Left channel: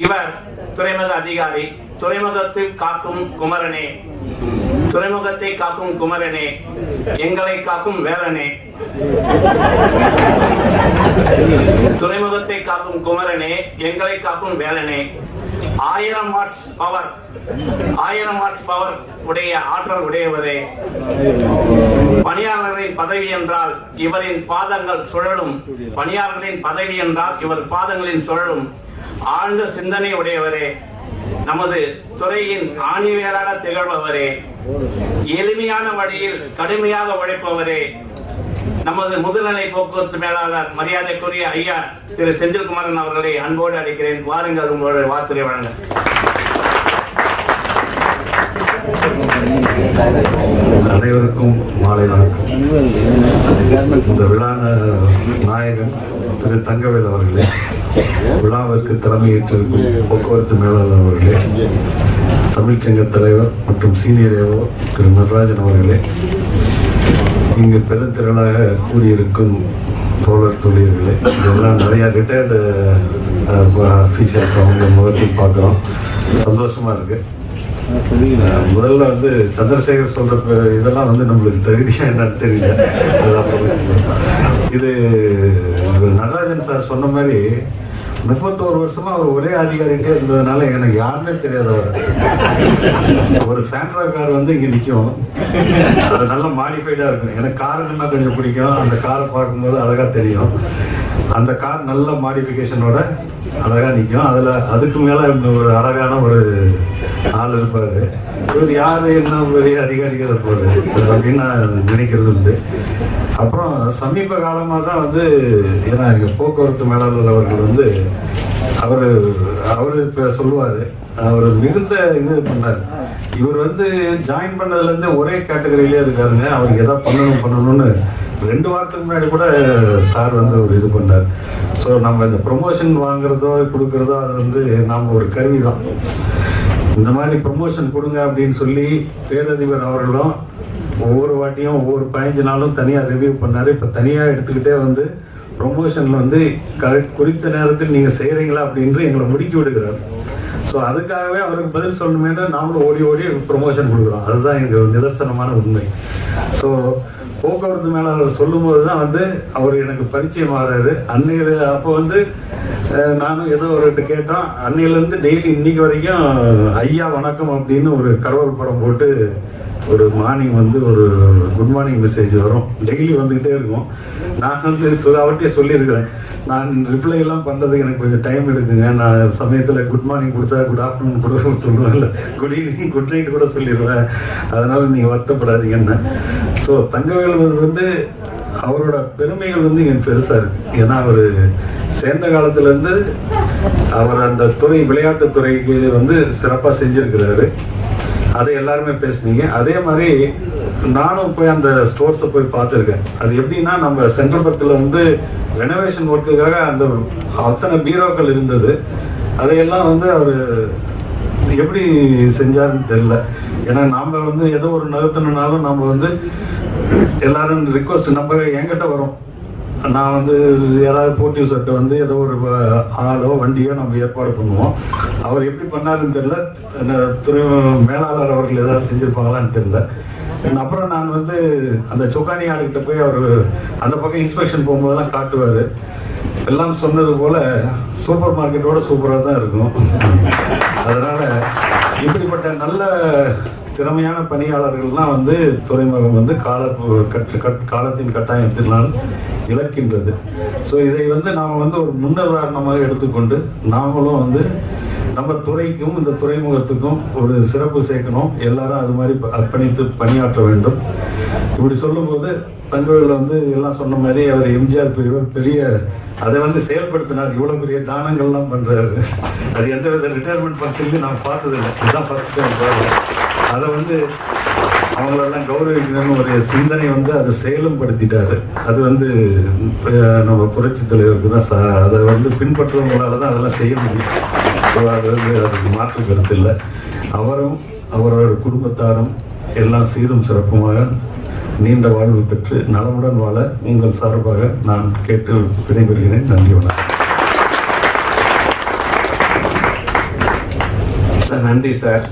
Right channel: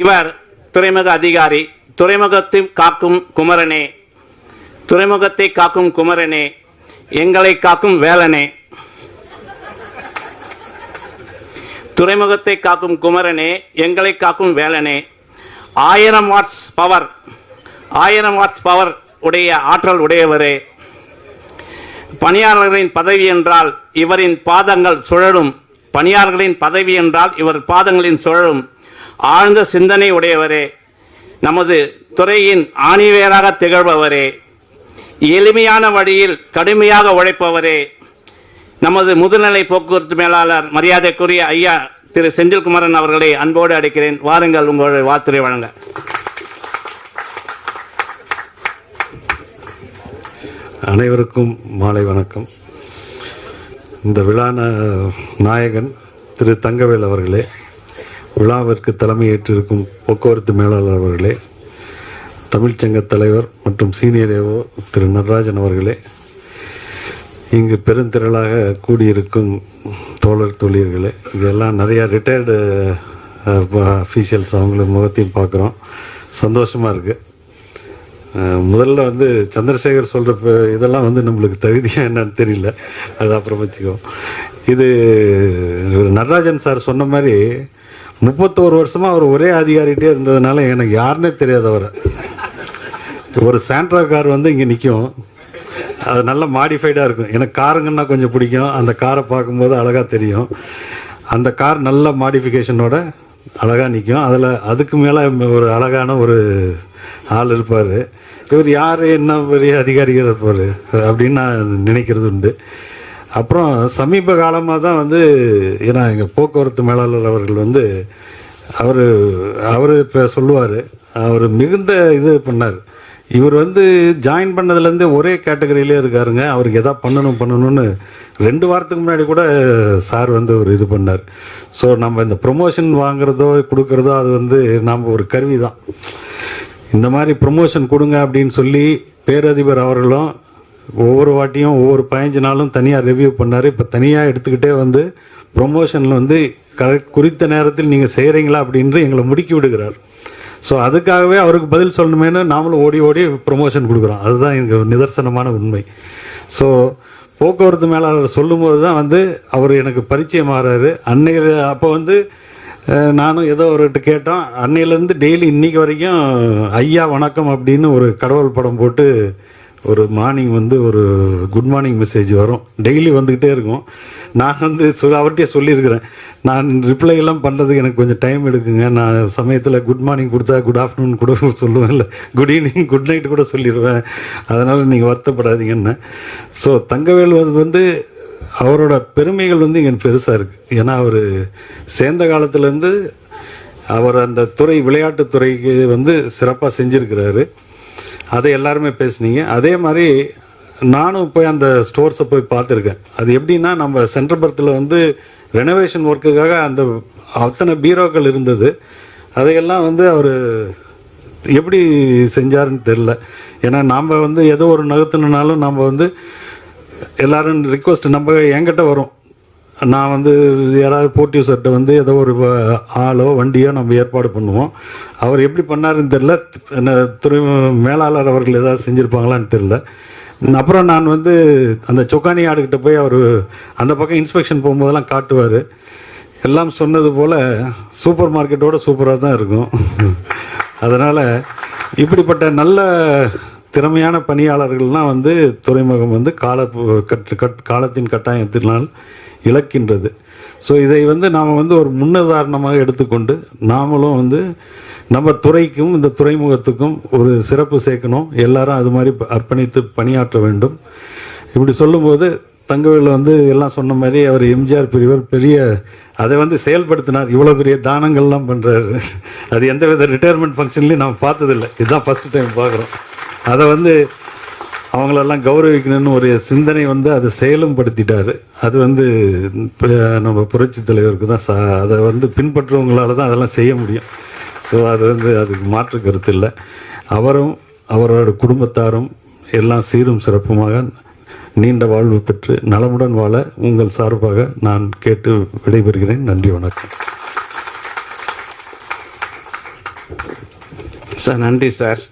இவர் துறைமுக அதிகாரி. துறைமுகத்தை காக்கும் குமரனே. துறைமுகத்தை காக்கும் குமரனே. எங்களை காக்கும் வேலனே. துறைமுகத்தை காக்கும் குமரனே. எங்களை காக்கும் வேலனே. ஆயிரம் வாட்ஸ் பவர் ஆயிரம் வாட்ஸ் பவர் உடைய ஆற்றல் உடையவரே. பணியாளர்களின் பதவி என்றால் இவரின் பாதங்கள் சுழலும். பணியாளர்களின் பதவி என்றால் இவர் பாதங்களின் சுழலும். ஆழ்ந்த சிந்தனை உடையவரே. நமது துறையின் ஆணிவேராக திகழ்பவரே. எளிமையான வழியில் கடுமையாக உழைப்பவரே. நமது முதுநிலை போக்குவரத்து மேலாளர் மரியாதைக்குரிய ஐயா திரு செந்தில்குமரன் அவர்களை அன்போடு அடிக்கிறேன் வாருங்கள் உங்களுடைய வாத்துரை வழங்க. அனைவருக்கும் மாலை வணக்கம். இந்த விழா நாயகன் திரு தங்கவேல் அவர்களே விழாவிற்கு தலைமையேற்றிருக்கும் போக்குவரத்து மேலாளர் அவர்களே தமிழ்ச்சங்க தலைவர் மற்றும் சீனியர் ஏவோ திரு நடராஜன் அவர்களே இங்கு பெருந்திரளாக கூடியிருக்கும் தோழர் தொழில்களே இதெல்லாம் நிறையா ரிட்டையர்டு அஃபீஷியல்ஸ் அவங்க முகத்தையும் பார்க்குறோம். சந்தோஷமாக இருக்குது முதல்ல வந்து சந்திரசேகர் சொல்கிற இதெல்லாம் வந்து நம்மளுக்கு தகுதியா என்னன்னு தெரியல. அது அப்புறம் இது நடராஜன் சார் சொன்ன மாதிரி முப்பத்தோரு வருஷமா அவர் ஒரே அதிகாரிகிட்டே இருந்ததுனால எனக்கு யாருன்னே தெரியாது ஒரு சாண்ட்ரா கார் வந்து இங்க நிற்கும் அது நல்லா மாடிஃபைடா இருக்கும். எனக்கு காருங்கன்னா கொஞ்சம் பிடிக்கும். அந்த காரை பார்க்கும்போது அழகா தெரியும். அந்த கார் நல்ல மாடிஃபிகேஷனோட அழகா நிற்கும் அதில் அதுக்கு மேலே ஒரு அழகான ஒரு ஆள் இருப்பார். இவர் யார் என்ன பெரிய அதிகாரிகள் இருப்பார். அப்படின்னு நான் நினைக்கிறது உண்டு. அப்புறம் சமீப காலமாக தான் வந்து ஏன்னா எங்கள் போக்குவரத்து மேலாளர் அவர்கள் வந்து அவர் அவர் இப்போ சொல்லுவார் அவர் மிகுந்த இது பண்ணார். இவர் வந்து ஜாயின் பண்ணதுலேருந்து ஒரே கேட்டகரியிலே இருக்காருங்க. அவருக்கு எதாவது பண்ணணும் பண்ணணும்னு ரெண்டு வாரத்துக்கு முன்னாடி கூட சார் வந்து ஒரு இது பண்ணார். ஸோ நம்ம இந்த ப்ரொமோஷன் வாங்குறதோ கொடுக்குறதோ அது வந்து நாம் ஒரு கருவி தான் இந்த மாதிரி ப்ரொமோஷன் கொடுங்க அப்படின்னு சொல்லி பேரதிபர் அவர்களும் ஒவ்வொரு வாட்டியும் ஒவ்வொரு பதினஞ்சு நாளும் தனியாக ரிவ்யூ பண்ணார். இப்போ தனியாக எடுத்துக்கிட்டே வந்து ப்ரொமோஷனில் வந்து கரெக்ட் குறித்த நேரத்தில் நீங்கள் செய்கிறீங்களா அப்படின்று எங்களை முடுக்கி விடுகிறார். ஸோ அதுக்காகவே அவருக்கு பதில் சொல்லணுமேனு நாமளும் ஓடி ஓடி ப்ரொமோஷன் கொடுக்குறோம். அதுதான் எங்கள் நிதர்சனமான உண்மை. ஸோ போக்குவரத்து மேலாளர் சொல்லும்போது தான் வந்து அவர் எனக்கு பரிச்சயம் ஆகிறாரு அன்னையில் அப்போ வந்து நானும் ஏதோ ஒரு கேட்டோம். அன்னையிலேருந்து டெய்லி இன்னைக்கு வரைக்கும் ஐயா வணக்கம் அப்படின்னு ஒரு கடவுள் படம் போட்டு ஒரு மார்னிங் வந்து ஒரு குட் மார்னிங் மெசேஜ் வரும். டெய்லி வந்துக்கிட்டே இருக்கும். நான் வந்து சொல்ல அவர்கிட்டே சொல்லியிருக்கிறேன். நான் ரிப்ளை எல்லாம் பண்ணுறதுக்கு எனக்கு கொஞ்சம் டைம் எடுக்குங்க. நான் சமயத்தில் குட் மார்னிங் கொடுத்தா குட் ஆஃப்டர்நூன் கூட சொல்லுவேன்ல. குட் ஈவினிங் குட் நைட் கூட சொல்லிடுவேன் அதனால் நீங்கள் வருத்தப்படாதீங்கன்னு ஸோ தங்கவேல் வந்து அவரோட பெருமைகள் வந்து இங்கே பெருசாக இருக்குது ஏன்னா அவர் சேர்ந்த காலத்துலேருந்து அவர் அந்த துறை விளையாட்டுத்துறைக்கு வந்து சிறப்பாக செஞ்சிருக்கிறாரு. அதை எல்லாருமே பேசுனீங்க. அதே மாதிரி நானும் போய் அந்த ஸ்டோர்ஸை போய் பார்த்துருக்கேன். அது எப்படின்னா நம்ம சென்ட்ரல் பர்த்தில் வந்து ரெனோவேஷன் ஒர்க்குக்காக அந்த அத்தனை பீரோக்கள் இருந்தது. அதையெல்லாம் வந்து அவர் எப்படி செஞ்சாருன்னு தெரில ஏன்னா நாம் வந்து ஏதோ ஒரு நகர்த்தினாலும் நம்ம வந்து எல்லாரும் ரிக்வஸ்ட் நம்ம என்கிட்ட வரும். நான் வந்து யாராவது போட்டி சட்டை வந்து ஏதோ ஒரு ஆளோ வண்டியோ நம்ம ஏற்பாடு பண்ணுவோம். அவர் எப்படி பண்ணாருன்னு தெரில என்ன துறை மேலாளர் அவர்கள் ஏதாவது செஞ்சுருப்பாங்களான்னு தெரில அப்புறம் நான் வந்து அந்த சொக்கானி ஆளுகிட்ட போய் அவர் அந்த பக்கம் இன்ஸ்பெக்ஷன் போகும்போதெல்லாம் காட்டுவார். எல்லாம் சொன்னது போல் சூப்பர் மார்க்கெட்டோட சூப்பராக தான் இருக்கும். அதனால் இப்படிப்பட்ட நல்ல திறமையான பணியாளர்கள்லாம் வந்து துறைமுகம் வந்து கால கட் கட் காலத்தின் கட்டாயத்தினால் இழக்கின்றது. ஸோ இதை வந்து நாம் வந்து ஒரு முன்னுதாரணமாக எடுத்துக்கொண்டு நாமளும் வந்து நம்ம துறைக்கும் இந்த துறைமுகத்துக்கும் ஒரு சிறப்பு சேர்க்கணும். எல்லாரும் அது மாதிரி அர்ப்பணித்து பணியாற்ற வேண்டும். இப்படி சொல்லும்போது தங்கவேல் வந்து எல்லாம் சொன்ன மாதிரி அவர் எம்ஜிஆர் பெரியவர் பெரிய அதை வந்து செயல்படுத்தினார். இவ்வளோ பெரிய தானங்கள்லாம் பண்ணுறாரு அது எந்த வித ரிட்டையர்மெண்ட் ஃபங்க்ஷன்லையும் நான் பார்த்ததில்லை. இதுதான் ஃபஸ்ட் டைம் பார்க்குறேன். அதை வந்து அவங்களெல்லாம் கௌரவிக்கணும்னு ஒரு சிந்தனை வந்து அதை செயலும் படுத்திட்டாரு அது வந்து நம்ம புரட்சி தலைவருக்கு தான் சா- அதை வந்து பின்பற்றுறவங்களால தான் அதெல்லாம் செய்ய முடியும். ஸோ அது வந்து அதுக்கு மாற்று கருத்து இல்லை. அவரும் அவரோட குடும்பத்தாரும் எல்லாம் சீரும் சிறப்புமாக நீண்ட வாழ்வு பெற்று நலமுடன் வாழ உங்கள் சார்பாக நான் கேட்டு விடைபெறுகிறேன். நன்றி வணக்கம். சார் நன்றி சார்.